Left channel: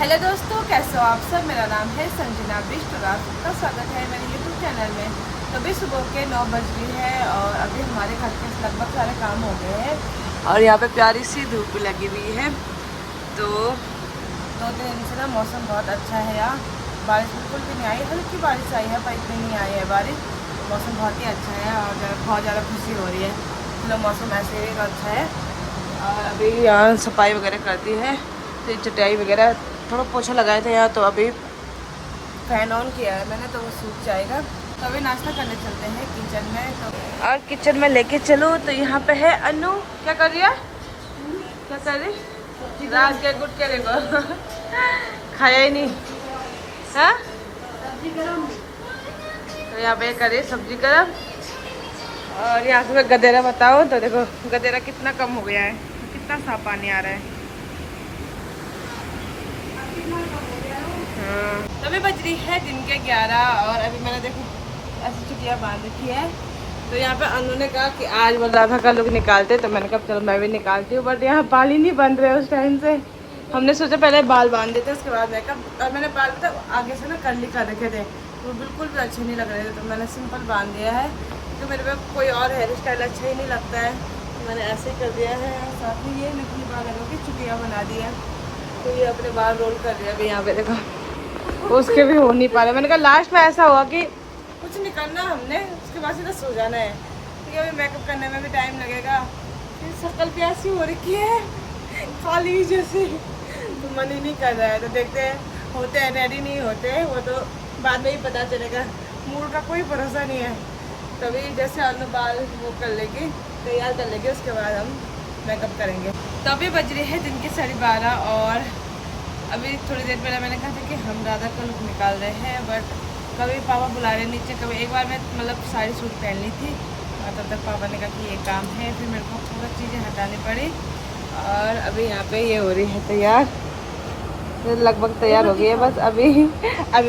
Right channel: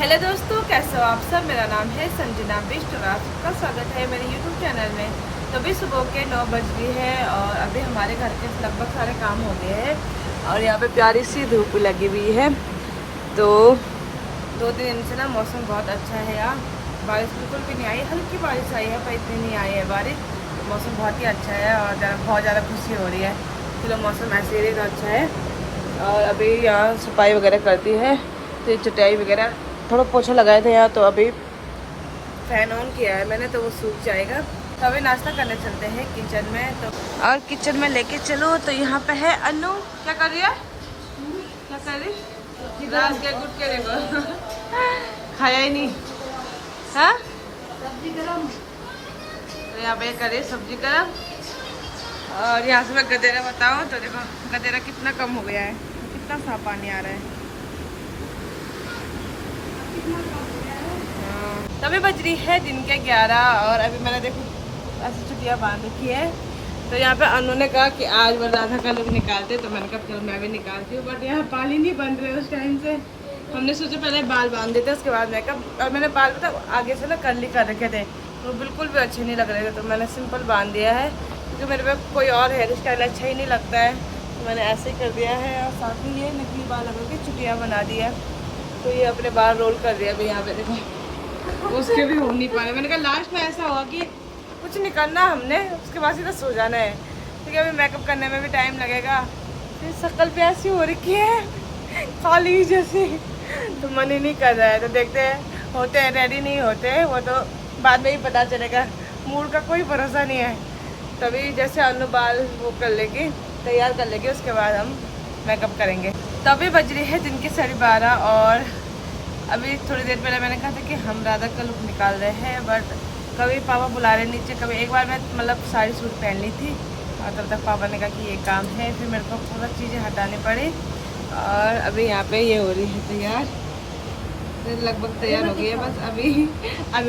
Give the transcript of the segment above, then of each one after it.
Hello दोस्तों, कैसे हो आप सब। मेरा नाम है संजना बिष्ट और आप सबका स्वागत है मेरे यूट्यूब चैनल में। तो अभी सुबह के 9 बज गई है और अभी हमारे घर के लगभग सारे काम हो गए हैं और यहाँ पे प्यारी सी धूप लगी हुई है। तो 2-3 दिन से ना मौसम बहुत अच्छा है यार। बारिश बिल्कुल भी नहीं आई, हल्की बारिश आई है पर इतनी नहीं आई है बारिश। मौसम बहुत ही अच्छा है और बहुत ज़्यादा खुशी हो रही है। चलो मौसम ऐसे ही तो अच्छा है। और अभी यहाँ सफाई वगैरह करती है तो चटाई वगैरह थोड़ा पोछा लगाया था यहाँ, तो अभी फैन ऑन किया है मैंने तो वो सूख जाएगा। तो अभी नाश्ता करने चलते हैं किचन में। तो और किचन में लेके चलो तो यहाँ पे है अनु। क्या कर रही है? क्या कर रही? रात के गुट के देखो खाया ही नहीं। हाँ तो यहाँ पे कर रही सब्जी गरम। और यहाँ से मैं गदेरा बताओ तो देखो गदेरा कितना कम हो गया है, कितना साफ पानी आ रहा है। तो अभी बज रही है दिन के 11 और अभी मैंने देखो ऐसी छुट्टियाँ बांध रखी है। तो यहाँ पे अनु ने कहा कि आज वो राधा का लोग निकालते, तो मैंने कहा चलो मैं भी निकालती हूँ। बट यहाँ बाल ही नहीं बन रहे उस टाइम से। हमने सोचा पहले बाल बांध देते उसके बाद मेकअप। और मैंने बाल पता आगे से ना कर्ली कर रखे थे, वो बिल्कुल भी अच्छे नहीं लग रहे थे, तो मैंने सिंपल बांध दिया है क्योंकि मेरे पे कोई और हेयर स्टाइल अच्छा ही नहीं लगता है, तो मैंने ऐसे ही कर दिया है। और साथ में ये नकली बाल लगा के छुट्टियाँ बना दी है। तो ये अपने बाल रोल कर दिया अभी यहाँ पे देखो, उसके भी हो नहीं पा रहे। मैंने कहा लास्ट में ऐसा हुआ कि कुछ निकलना हमने उसके बाद सीधा सो जाना है, क्योंकि अभी मेकअप करने में भी टाइम लगेगा। फिर शक्ल पे ऐसी हो रखी है खाली जैसे, तो मन ही नहीं कर रहा है। तो देखते हैं होते हैं रेडी नहीं होते, वो तो बाद में ही पता चलेगा। मूड का कोई भरोसा नहीं है। तभी जैसे अनु बाल वो कर लेगी, तैयार कर लेगी, उसके बाद हम मेकअप करेंगे। तभी बज रही है दिन की 12:30 और अभी थोड़ी देर पहले मैंने कहा था कि हम राधा का लुक निकाल रहे हैं, बट कभी पापा बुला रहे नीचे। कभी एक बार मैं मतलब साड़ी सूट पहन ली थी और तब तक पापा ने कहा कि ये काम है, फिर मेरे को पूरा चीज़ें हटानी पड़ी। और अभी यहाँ पे ये हो रही है तैयार, तो लगभग तैयार हो गई है बस। अभी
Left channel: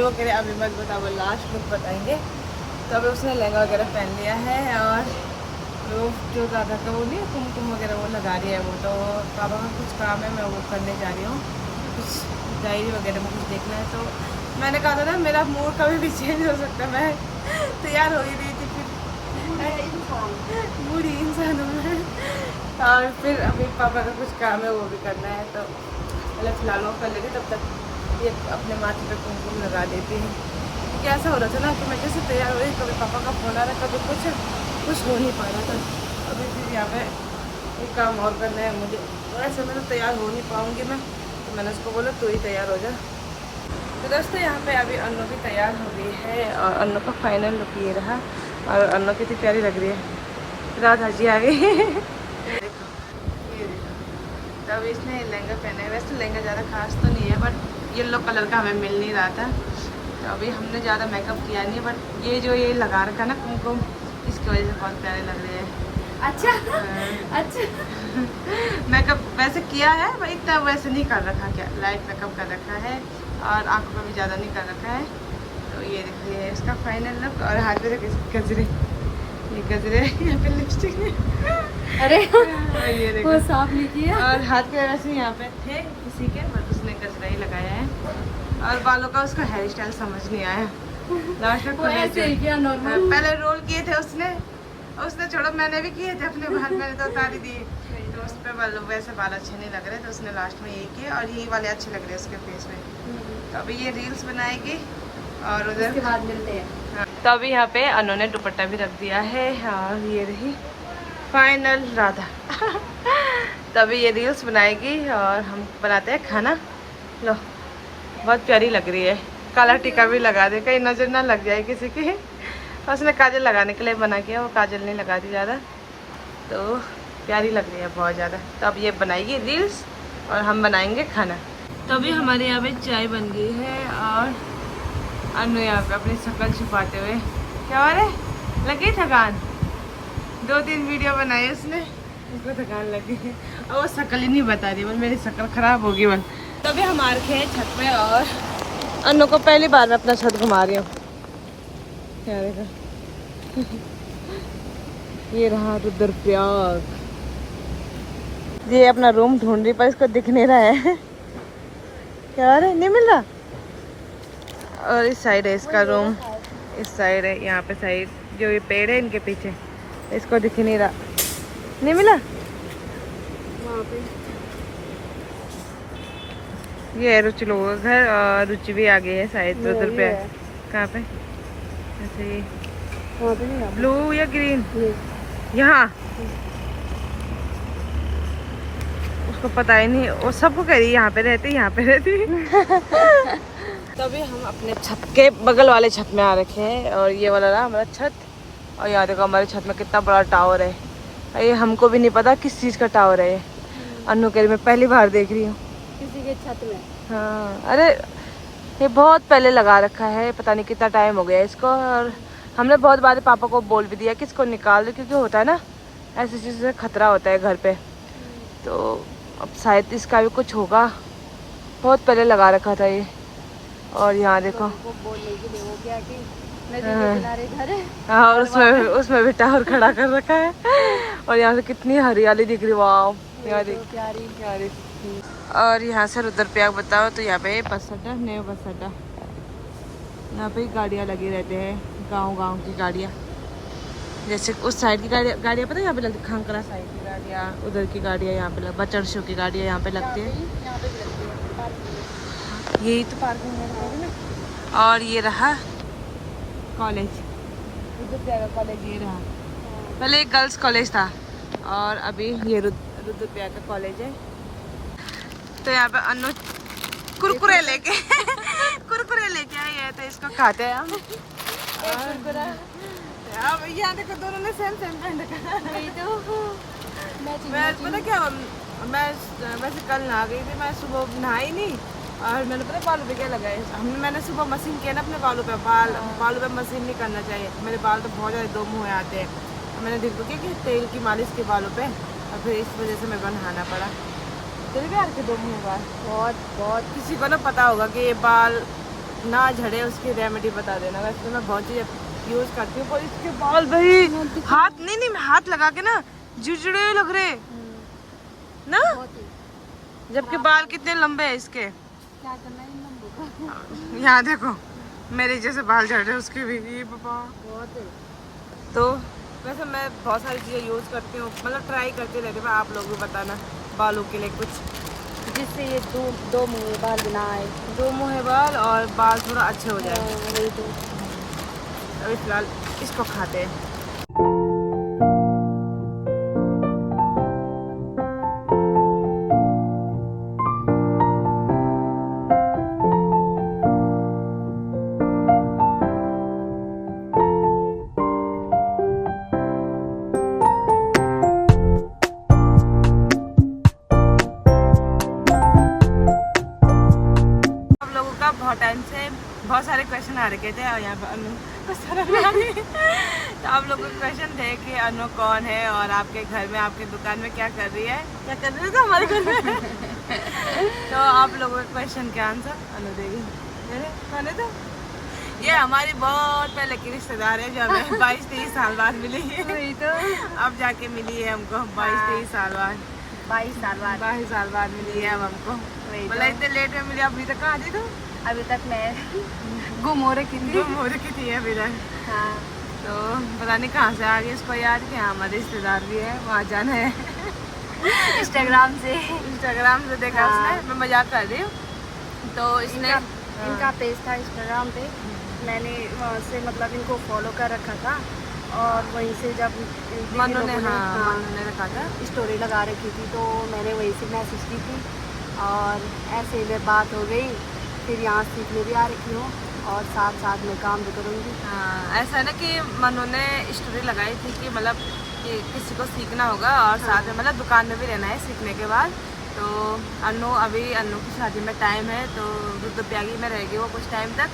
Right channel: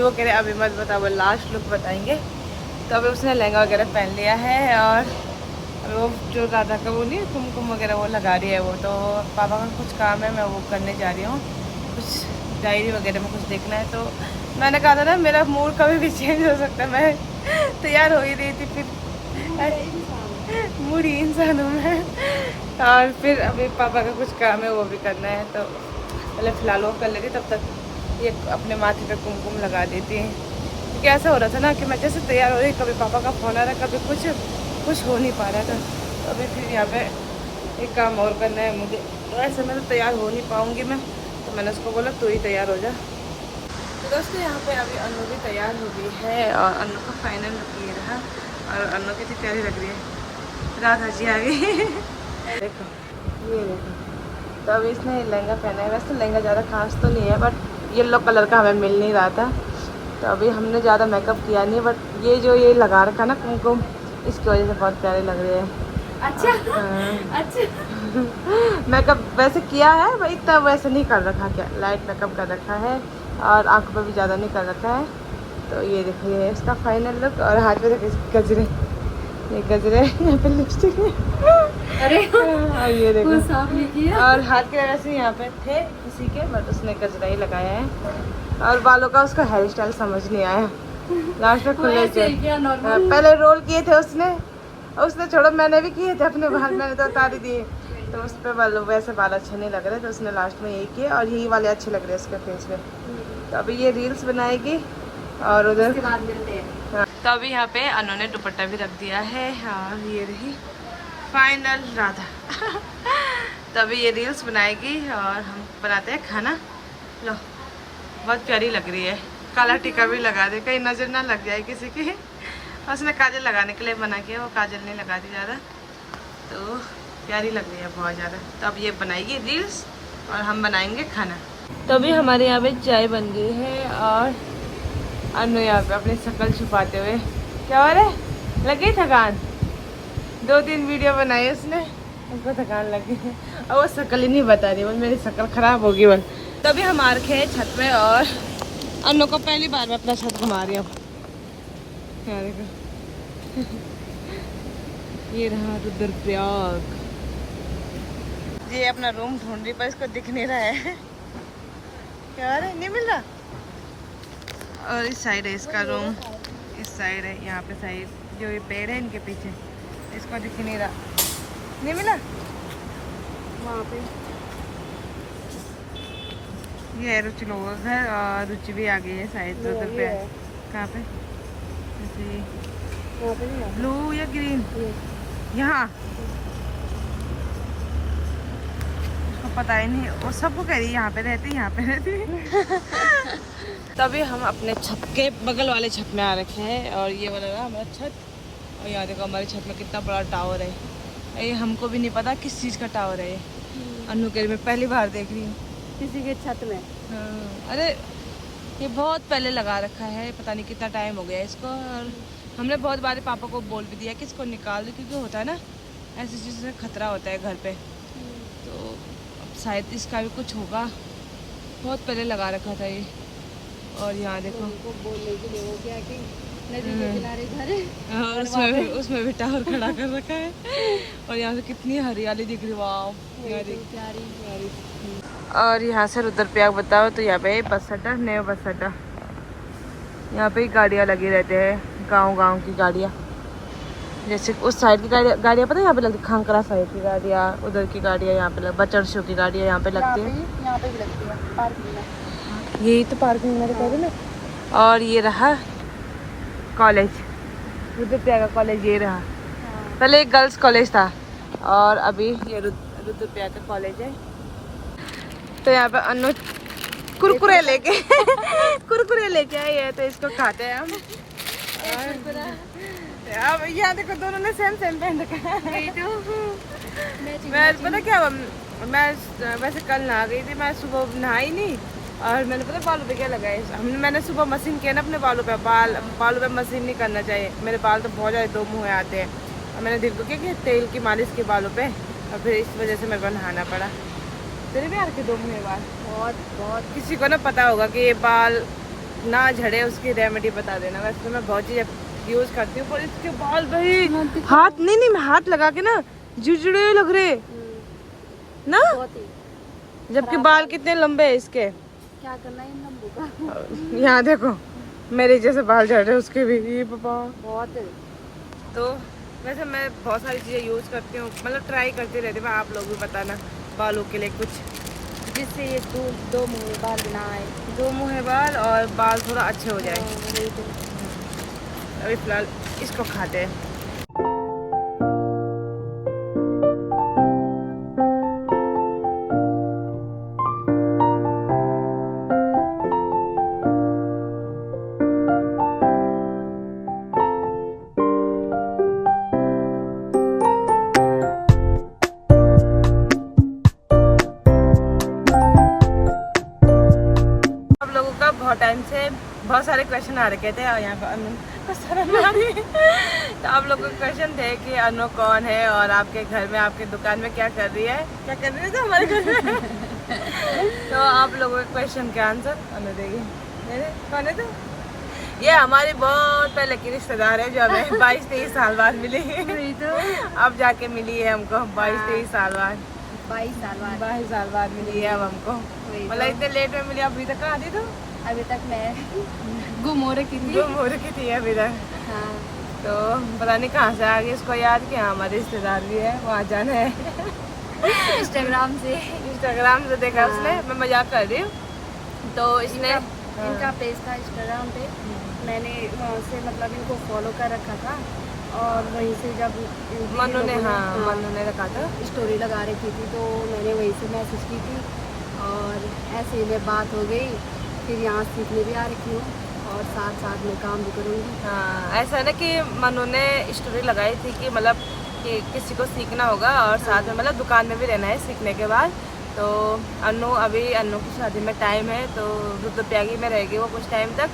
वो कह रहे अभी मत बताओ, लास्ट लुक बताएंगे। तो अभी उसने लहंगा वगैरह पहन लिया है और वो जो राधा का वो नहीं कुमकुम वगैरह वो लगा रही है। वो तो पापा का कुछ काम है, मैं वो करने जा रही हूँ। कुछ डायरी वगैरह में कुछ देखना है, तो मैंने कहा था ना मेरा मूड कभी भी चेंज हो सकता है। मैं तैयार हो ही रही थी, फिर मूड ही इंसान हूँ मैं। और फिर अभी पापा का कुछ काम है वो भी करना है, तो पहले फ़िलहाल वो कर लेती, तब तक ये अपने माथे पे कुमकुम लगा देती। कैसा हो रहा था ना कि मैं जैसे तैयार हो रही, कभी पापा का फ़ोन आ रहा, कभी कुछ हो नहीं पा रहा था। अभी फिर यहाँ पे एक काम और करना है मुझे, तो ऐसे मैं तो तैयार हो नहीं पाऊँगी मैं, तो मैंने उसको बोला तू ही तैयार हो जा। तो दोस्तों यहाँ पे अभी अनु भी तैयार हो गई है और अनु का फाइनल लुक ये रहा। और अनु कितनी प्यारी लग रही है, राधा जी आ गई देखो ये देखो। तो अभी इसने लहंगा पहना है, वैसे लहंगा ज़्यादा खास तो नहीं है, बट येलो कलर का हमें मिल नहीं रहा था, तो अभी हमने ज़्यादा मेकअप किया नहीं। बट ये जो ये लगा रखा ना कुमकुम, इसकी वजह से बहुत प्यारे लग रहे हैं। अच्छा अच्छा मेकअप वैसे किया है भाई, इतना वैसे नहीं कर रखा, क्या लाइट मेकअप कर रखा है और आंखों पे भी ज़्यादा नहीं कर रखा है। तो ये देखो ये है इसका फाइनल लुक। और हाथ में गजरे, ये गजरे यहाँ पे लिपस्टिक है अरे और ये देखो साफ नहीं किया। और हाथ के वैसे यहाँ पे थे किसी के, बट उसने गजरा ही लगाया है। और बालों का उसका हेयर स्टाइल समझ नहीं आया, लास्ट में खुले थे। पहले रोल किए थे उसने छोड़ो, मैंने भी किए थे अपने बाल, मैंने तो उतार ही दिए। तो उस पर वैसे बाल अच्छे नहीं लग रहे, तो उसने लास्ट में यही किए और यही वाले अच्छे लग रहे हैं उसके फेस में। तो अभी ये रील्स बनाएगी और उधर के बाद मिलते हैं। हाँ। तो अभी यहाँ पे अनु ने दुपट्टा भी रख दिया है और ये रही फाइनल राधा तो अभी ये रील्स बनाएगी और हम बनाते हैं खाना। लो बहुत प्यारी लग रही है, काला टीका भी लगा दे कहीं नजर ना लग जाए किसी की। उसने काजल लगाने के लिए बना किया, वो काजल नहीं लगाती ज़्यादा, तो प्यारी लग रही है बहुत ज़्यादा। तो अब ये बनाएगी रील्स और हम बनाएंगे खाना। तो अभी हमारे यहाँ पे चाय बन गई है और अनु यहाँ पे अपनी शक्ल छुपाते हुए, क्या हो रहा है, लगी थकान। 2-3 वीडियो बनाई उसने, उसको थकान लगी है और वो शक्ल ही नहीं बता रही, वो मेरी शक्ल खराब होगी बस। तभी हम आ रखे हैं छत पे और अनु को पहली बार मैं अपना छत घुमा रही हूँ। क्या देखो ये रहा रुद्रप्रयाग। ये अपना रूम ढूंढ रही पर इसको दिख नहीं रहा है क्या है, नहीं मिल रहा। और इस साइड है इसका रूम, इस साइड है, यहाँ पे साइड जो ये पेड़ है इनके पीछे, इसको दिख नहीं रहा, नहीं मिला वहाँ पे। ये रुचि लोगों का घर, और रुचि भी आ गई है शायद उधर पे। कहाँ पे? ऐसे ब्लू या ग्रीन, यहाँ उसको पता ही नहीं, वो सबको कह रही है यहाँ पे रहती, यहाँ पे रहती। तभी हम अपने छत के बगल वाले छत में आ रखे हैं, और ये वाला रहा हमारा छत। और यहाँ देखो हमारे छत में कितना बड़ा टावर है, ये हमको भी नहीं पता किस चीज़ का टावर है ये। अनु कह रही मैं पहली बार देख रही हूँ किसी के छत में। हाँ, अरे ये बहुत पहले लगा रखा है, पता नहीं कितना टाइम हो गया इसको। और हमने बहुत बार पापा को बोल भी दिया कि इसको निकाल दो, क्योंकि होता है ना ऐसी चीज़ से खतरा होता है घर पे। तो अब शायद इसका भी कुछ होगा, बहुत पहले लगा रखा था ये। और यहाँ देखो बोलने के लिए वो क्या कि नदी के किनारे घर है। हाँ, और उसमें भी टावर खड़ा कर रखा है। और यहाँ से कितनी हरियाली दिख रही, वाह यहाँ देख प्यारी प्यारी। और यहाँ से रुद्रप्रयाग बताओ तो यहाँ पे बस अड्डा, नया बस अड्डा, यहाँ पे गाड़ियाँ लगी रहते हैं, गांव की गाड़ियाँ। जैसे उस साइड की गाड़ियाँ पता है यहाँ पे लगती, खांकरा साइड की गाड़ियाँ, उधर की गाड़ियाँ यहाँ पे, बचड़शो की गाड़ियाँ यहाँ पे लगती है। यही तो पार्किंग मेरे कह रही ना। और ये रहा कॉलेज, रुद्रप्रयाग का कॉलेज ये रहा। पहले एक गर्ल्स कॉलेज था, और अभी ये रुद्रप्रयाग का कॉलेज है। तो यहाँ पे अनु कुरकुरे लेके कुरकुरे लेके आए हैं, तो इसको खाते हैं हम। अब यहाँ देखो दोनों ने सेम पहन रखा। मैं पता क्या, मैं वैसे कल नहा गई थी, मैं सुबह नहाई नहीं, और मैंने पता बालों पे क्या लगाया, मैंने सुबह मशीन किया ना अपने बालों पे, बालों पे मशीन नहीं करना चाहिए, मेरे बाल तो बहुत ज़्यादा दो मुँह आते हैं। और मैंने दिल को किया कि तेल की मालिश के बालों पे, और फिर इस वजह से मेरे को नहाना पड़ा। तेरे भी यार के दो मुँह बाल बहुत किसी को ना पता होगा कि ये बाल ना झड़े, उसकी रेमेडी बता देना। वैसे तो मैं बहुत चीज़ यूज़ करती हूँ, पर इसके बाल भाई हाथ नहीं मैं हाथ लगा के ना जुजड़े लग रहे ना, जबकि बाल कितने लंबे है इसके। क्या करना है इन लंबू का। यहाँ देखो मेरे जैसे बाल झड़ रहे उसके भी, ये पापा बहुत है। तो वैसे मैं बहुत सारी चीज़ें यूज़ करती हूँ, मतलब ट्राई करती रहती हूँ। आप लोग भी बताना बालों के लिए कुछ, जिससे ये दो मुँह बाल ना आए, दो मुँह बाल और बाल थोड़ा अच्छे हो जाए। तो अभी फिलहाल इसको खाते हैं। बहुत टाइम से बहुत सारे क्वेश्चन आ रखे थे, और यहाँ पर अनु को शर्म आ रही है। तो आप लोगों के क्वेश्चन थे कि अनु कौन है, और आपके घर में आपके दुकान में क्या कर रही है, क्या कर रही है तो हमारे घर में। तो आप लोगों के क्वेश्चन के आंसर अनु देगी। कौन है तो ये हमारी बहुत पहले की रिश्तेदार है, जो हमें 22-23 साल बाद मिली है। तो अब जाके मिली है हमको 22-23 साल बाद, 22 साल बाद मिली है अब हमको। मतलब इतने लेट में मिली, अभी तक कहाँ थी तुम? अभी तक मैं गुम हो रखी थी अभी तक। हाँ। तो पता नहीं कहाँ से आ गई इसको याद कि हाँ हमारे रिश्तेदार भी है, वहाँ जाना है। इंस्टाग्राम से देखा उसने, मैं मजाक कर रही हूँ। तो इसने इनका पेज था इंस्टाग्राम पे, मैंने वहाँ से मतलब इनको फॉलो कर रखा था, और वहीं से जब मनु ने रखा था, स्टोरी लगा रखी थी, तो मैंने वहीं से मैसेज की थी, और ऐसे ही में बात हो गई। फिर यहाँ सीखने भी आ रखी हूँ, और साथ में काम भी करूँगी। हाँ, ऐसा है ना कि मनु ने स्टोरी लगाई थी कि मतलब कि किसी को सीखना होगा, और साथ में मतलब दुकान में भी रहना है सीखने के बाद। तो अनु की शादी में टाइम है, तो रुद्रप्रयागी में रहेगी वो कुछ टाइम तक।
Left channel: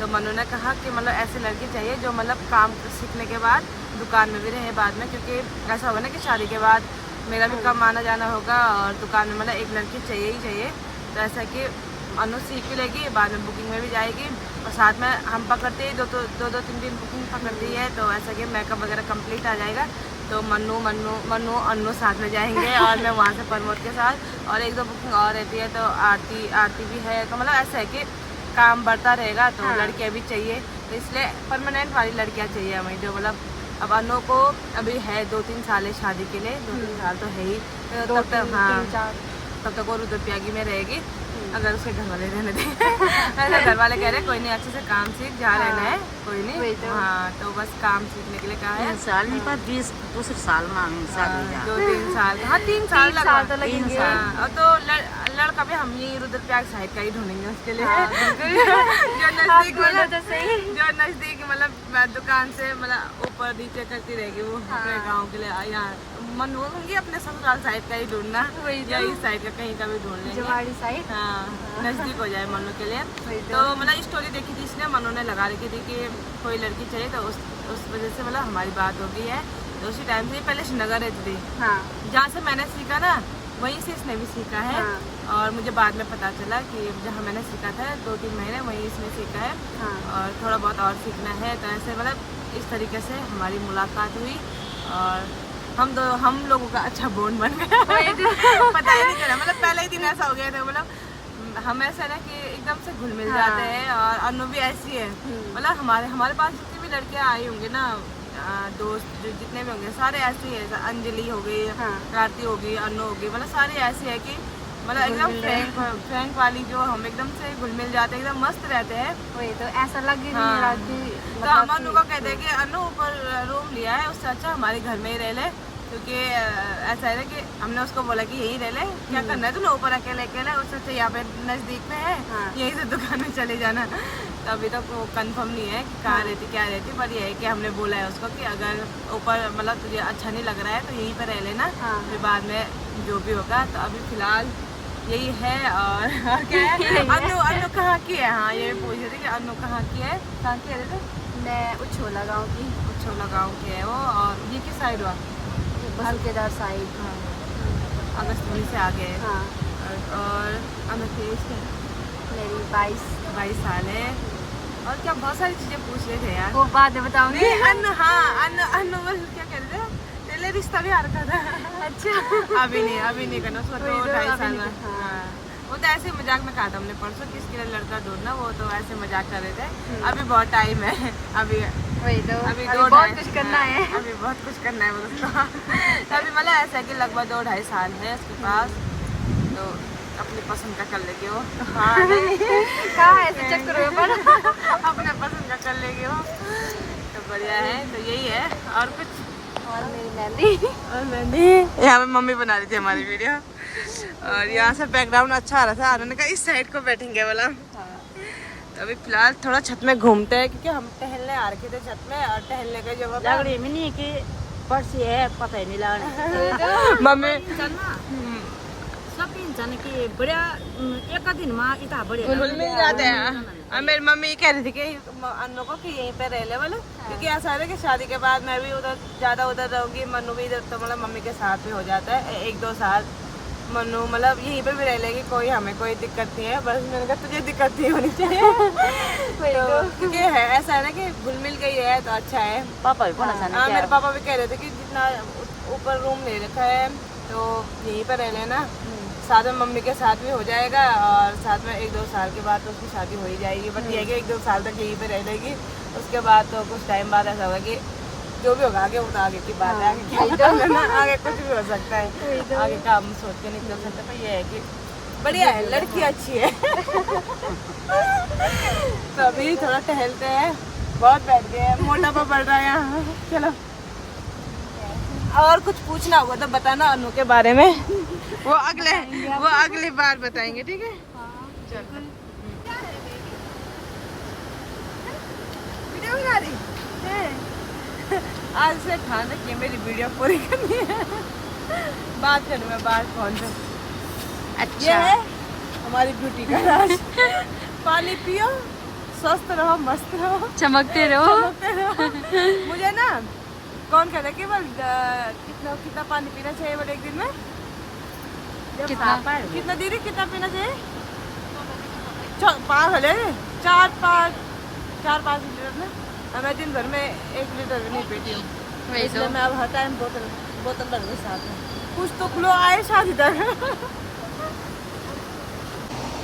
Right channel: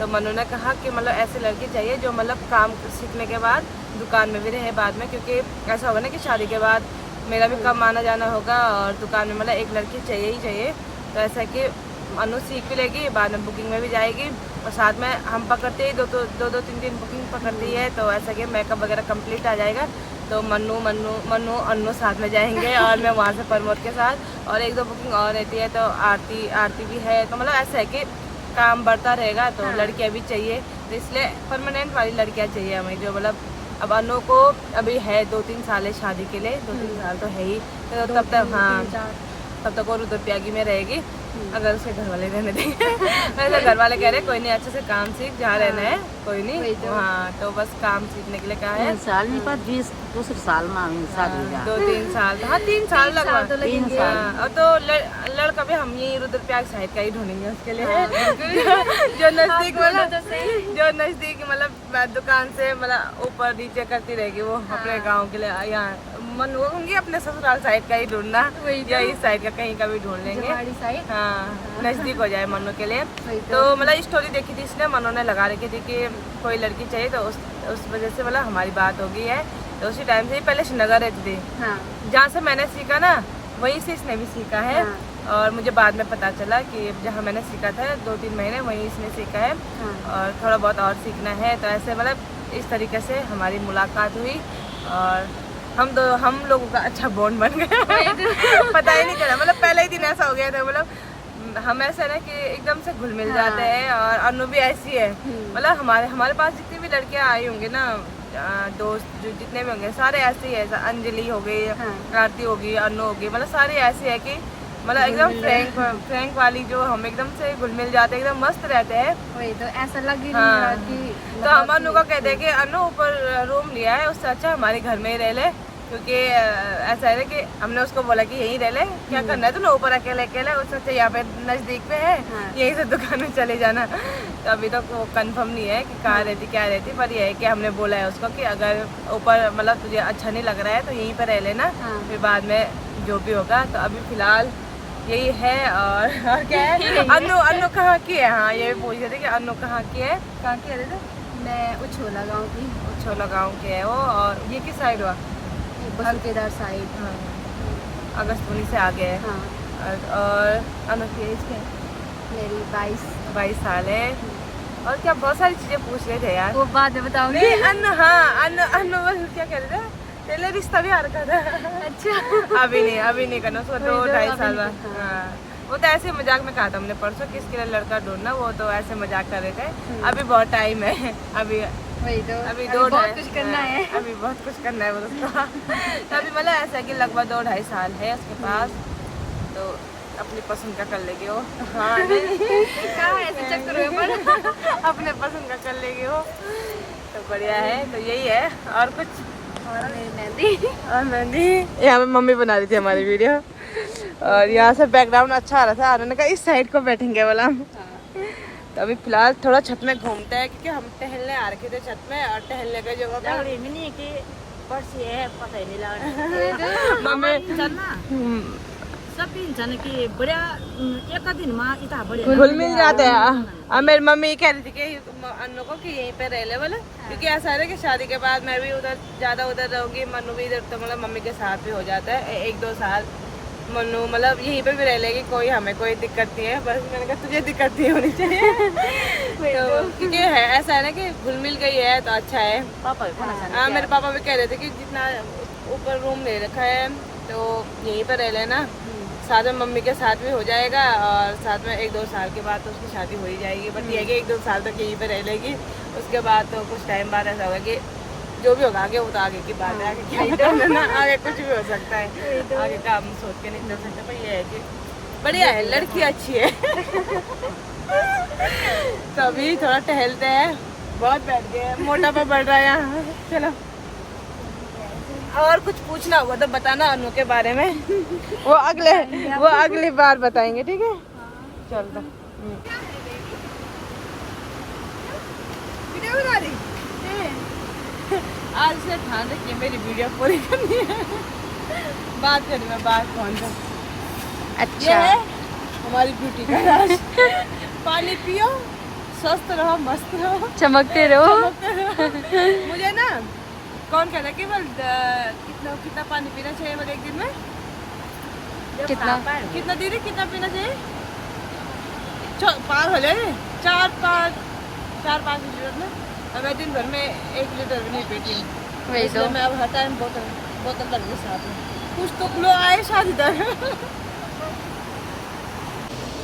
तो मनु ने कहा कि मतलब ऐसे लड़की चाहिए जो मतलब काम सीखने के बाद दुकान में भी रहे बाद में, क्योंकि ऐसा होगा ना कि शादी के बाद मेरा भी कम आना जाना होगा, और दुकान में मतलब एक लड़की चाहिए ही चाहिए। तो ऐसा कि अनु सीख भी लेगी, बाद में बुकिंग में भी जाएगी, और साथ में हम पकड़ते ही दो 3 दिन बुकिंग पकड़ती है, तो ऐसा कि मेकअप वगैरह कंप्लीट आ जाएगा। तो मन्नू अन्नू साथ में जाएंगे और मैं वहाँ से प्रमोद के साथ, और 1-2 बुकिंग और रहती है, तो आरती भी है। तो मतलब ऐसा है कि काम बढ़ता रहेगा, तो लड़कियाँ भी चाहिए, तो इसलिए परमानेंट वाली लड़कियाँ चाहिए हमें, जो मतलब अब अनु को अभी है 2-3 साल है शादी के लिए, 2-3 साल तो है ही, तो तब तक हाँ तब तक वो रुद्रप्रयागी में रहेगी, अगर उसके घर वाले रहने देंगे। वैसे घर वाले कह रहे कोई नहीं, अच्छे से काम सीख, जहाँ रहना है कोई नहीं, हाँ तो बस काम सीखने के लिए कहा है। 3 साल नहीं पर 22 साल में 2-3 साल, हाँ 3 साल लगा, 3 साल। और तो लड़का भी हम ये रुद्रप्रयाग साइड का ही ढूंढेंगे उसके लिए, जो नजदीक मतलब दुकान से मतलब ऊपर नीचे करती रहेगी वो, अपने गाँव के लिए। यहाँ मन वो होंगी अपने ससुराल साइड का ही ढूंढना, या इस साइड का कहीं का भी ढूंढ लेंगे, हाँ नजदीक हो जाए मनु के लिए। तो मतलब स्टोरी देखी थी इसने, मनु ने लगा रखी थी कि कोई लड़की चाहिए, तो उस वजह से मतलब हमारी बात हो गई है। तो उसी टाइम से पहले श्रीनगर रहती थी, जहाँ से मैंने सीखा ना वहीं से इसने भी सीखा है, और मुझे बाद में पता चला कि जहाँ मैंने सीखा था 2-3 महीने वहीं इसने सीखा है, और थोड़ा बहुत और सीखना है। तो ऐसे मतलब इस तरीके से हमारी मुलाकात हुई, और हम लोगों का अच्छा बॉन्ड बन गया। पता ही नहीं चला, मतलब पहले ही दिन ऐसा हो गया था, मतलब हम ऐसा ना कि एकदम से घुल मिल जाते हैं। और अनु भी ऐसी है, मतलब हमारे पास जितनी भी लड़कियां आई होंगी ना, दोस्त जो जितने भी होंगे सारे ऐसे ही है। अंजलि हो गई, आरती होगी, अनु होगी, मतलब सारी ऐसी है कि मतलब एकदम फ्रैंक वाली, जो हम एकदम से घुल मिल जाते हैं, एकदम मस्त रहते हैं। वही तो ऐसा लग ही हाँ। नहीं रहा कि तो हम अनु को कहते हैं कि अनु ऊपर रूम लिया है, उससे अच्छा हमारे घर में ही रह ले, क्योंकि ऐसा है कि हमने उसको बोला कि यहीं रह ले, क्या करना है तूने ऊपर अकेले उससे अच्छा यहाँ पे नजदीक पे है, यहीं से दुकान में चले जाना। तो अभी तक वो कंफर्म नहीं है कि कहाँ रहती क्या रहती, पर ये है कि हमने बोला है उसको कि अगर ऊपर मतलब तुझे अच्छा नहीं लग रहा है तो यहीं पे रह लेना, फिर बाद में जो भी होगा। तो अभी फिलहाल यही है। और क्या है, अनु कहाँ की है, हाँ ये पूछ रहे थे कि अनु कहाँ की है, कहाँ की है? मैं उछोला गाँव की, उछोला गाँव की है वो। और ये किस साइड हुआ? बसुकेदार साइड, हाँ अगस्तपुरी से आगे है। हाँ। और अनु की एज क्या है? मेरी 22 साल है। और क्या बहुत सारी चीजें पूछ रहे थे यार, वो बाद में बताऊंगी। अनु हाँ अनु बस क्या कह रहे थे, पहले रिश्ता भी आ रखा था। अच्छा अभी नहीं करना उसको, 2-2.5 साल बाद। हाँ वो तो ऐसे मजाक में कहा था हमने परसों, किसके लिए लड़का ढूंढना, वो तो ऐसे मजाक कर रहे थे। अभी बहुत टाइम है, अभी अभी बहुत कुछ करना है, अभी बहुत कुछ करना है उसको। अभी मतलब ऐसा है कि लगभग 2-2.5 साल है उसके पास, तो अपनी पसंद का कर लेगी वो। हाँ कहाँ ऐसे चक्कर में अपने पसंद का कर लेगी वो, तो बढ़िया है। तो यही है, और कुछ? और मेरी मेहंदी यहाँ पे मम्मी बना रही थी हमारी वीडियो, और यहाँ से बैकग्राउंड अच्छा आ रहा था, उन्होंने कहा इस साइड को बैठेंगे बोला। तो अभी फिलहाल थोड़ा छत में घूमते हैं, क्योंकि हम टहलने आ रखे थे छत में, और टहलने की जगह पर मिली कि परसी है पता ही नहीं लगा। मम्मी सब दिन जाने की बढ़िया एक दिन में इतना बढ़िया घुल मिल जाते हैं। और मेरी मम्मी कह रही थी कि अनु को कि यहीं पे रह ले बोले, क्योंकि ऐसा है कि शादी के बाद मैं भी ज्यादा उधर रहूंगी, मनु भी इधर, तो मतलब मम्मी के साथ भी हो जाता है 1-2 साल। मनु मतलब यहीं पे भी रह लेगी, कोई हमें कोई दिक्कत नहीं है, बस मैंने कहा तुझे दिक्कत नहीं होनी चाहिए। तो क्योंकि है ऐसा है ना कि घुल मिल गई है तो अच्छा है। हाँ मेरे पापा भी कह रहे थे कि जितना ऊपर रूम ले रखा है तो यहीं पर रह लेना, साथ में मम्मी के साथ भी हो जाएगा, और साथ में 1-2 साल के बाद तो उसकी शादी हो ही जाएगी। बट ये कि 1-2 साल तक यहीं पे रह लेगी, उसके बाद तो कुछ टाइम बाद ऐसा होगा कि जो भी होगा आगे वो तो आगे की बात है, आगे क्या पता ना, आगे कुछ भी हो सकता है, आगे का हम सोच के नहीं कर सकते। तो ये है कि बढ़िया है, लड़की अच्छी है। तो अभी थोड़ा टहलते हैं, बहुत बैठ गए हैं, मोटापा बढ़ रहा है यहाँ। चलो और कुछ पूछना होगा तो बताना अनु के बारे में, वो अगली बार बताएंगे, ठीक है? चल वीडियो बना रही आज से ध्यान रखिए, मेरी वीडियो पूरी करनी है, बात करूँ मैं बात फोन पे। अच्छा ये है हमारी ब्यूटी का राज। पानी पियो, स्वस्थ रहो, मस्त रहो, चमकते रहो। मुझे ना कौन कहता है कि बस कितना पानी पीना चाहिए बोले एक दिन में? कितना दीदी कितना पीना चाहिए? 4-5 लीटर में, और मैं दिन भर में 1 लीटर भी नहीं पीती हूँ। वही इसलिए तो। मैं अब हर टाइम बोतल बोतल रख लूँ साथ में, कुछ तो ग्लो आए शादी तक।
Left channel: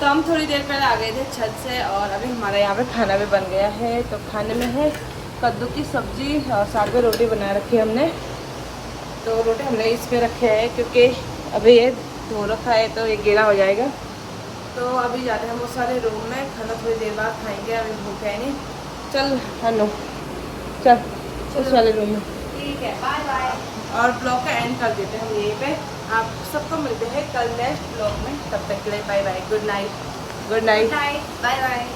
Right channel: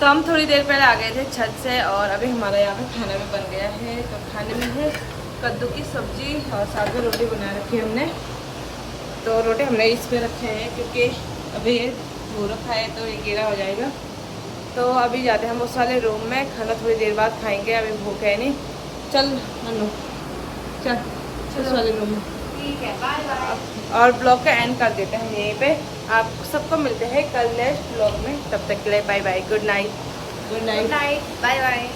तो हम थोड़ी देर पहले आ गए थे छत से और अभी हमारा यहाँ पे खाना भी बन गया है। तो खाने में है कद्दू की सब्जी और साथ में रोटी बना रखी है हमने। तो रोटी हमने इस पे रखे हैं क्योंकि अभी ये धो रखा है तो ये गीला हो जाएगा। तो अभी जाते हैं हम उस वाले रूम में, खाना थोड़ी देर बाद खाएंगे, अभी भूख है नहीं। चल हनु चल उस वाले रूम में। ठीक है, बाय बाय। और ब्लॉग का एंड कर देते हैं हम यहीं पे। आप सबको मिलते हैं कल नेक्स्ट ब्लॉग में, तब तक के लिए bye bye, good night. Good night, bye bye.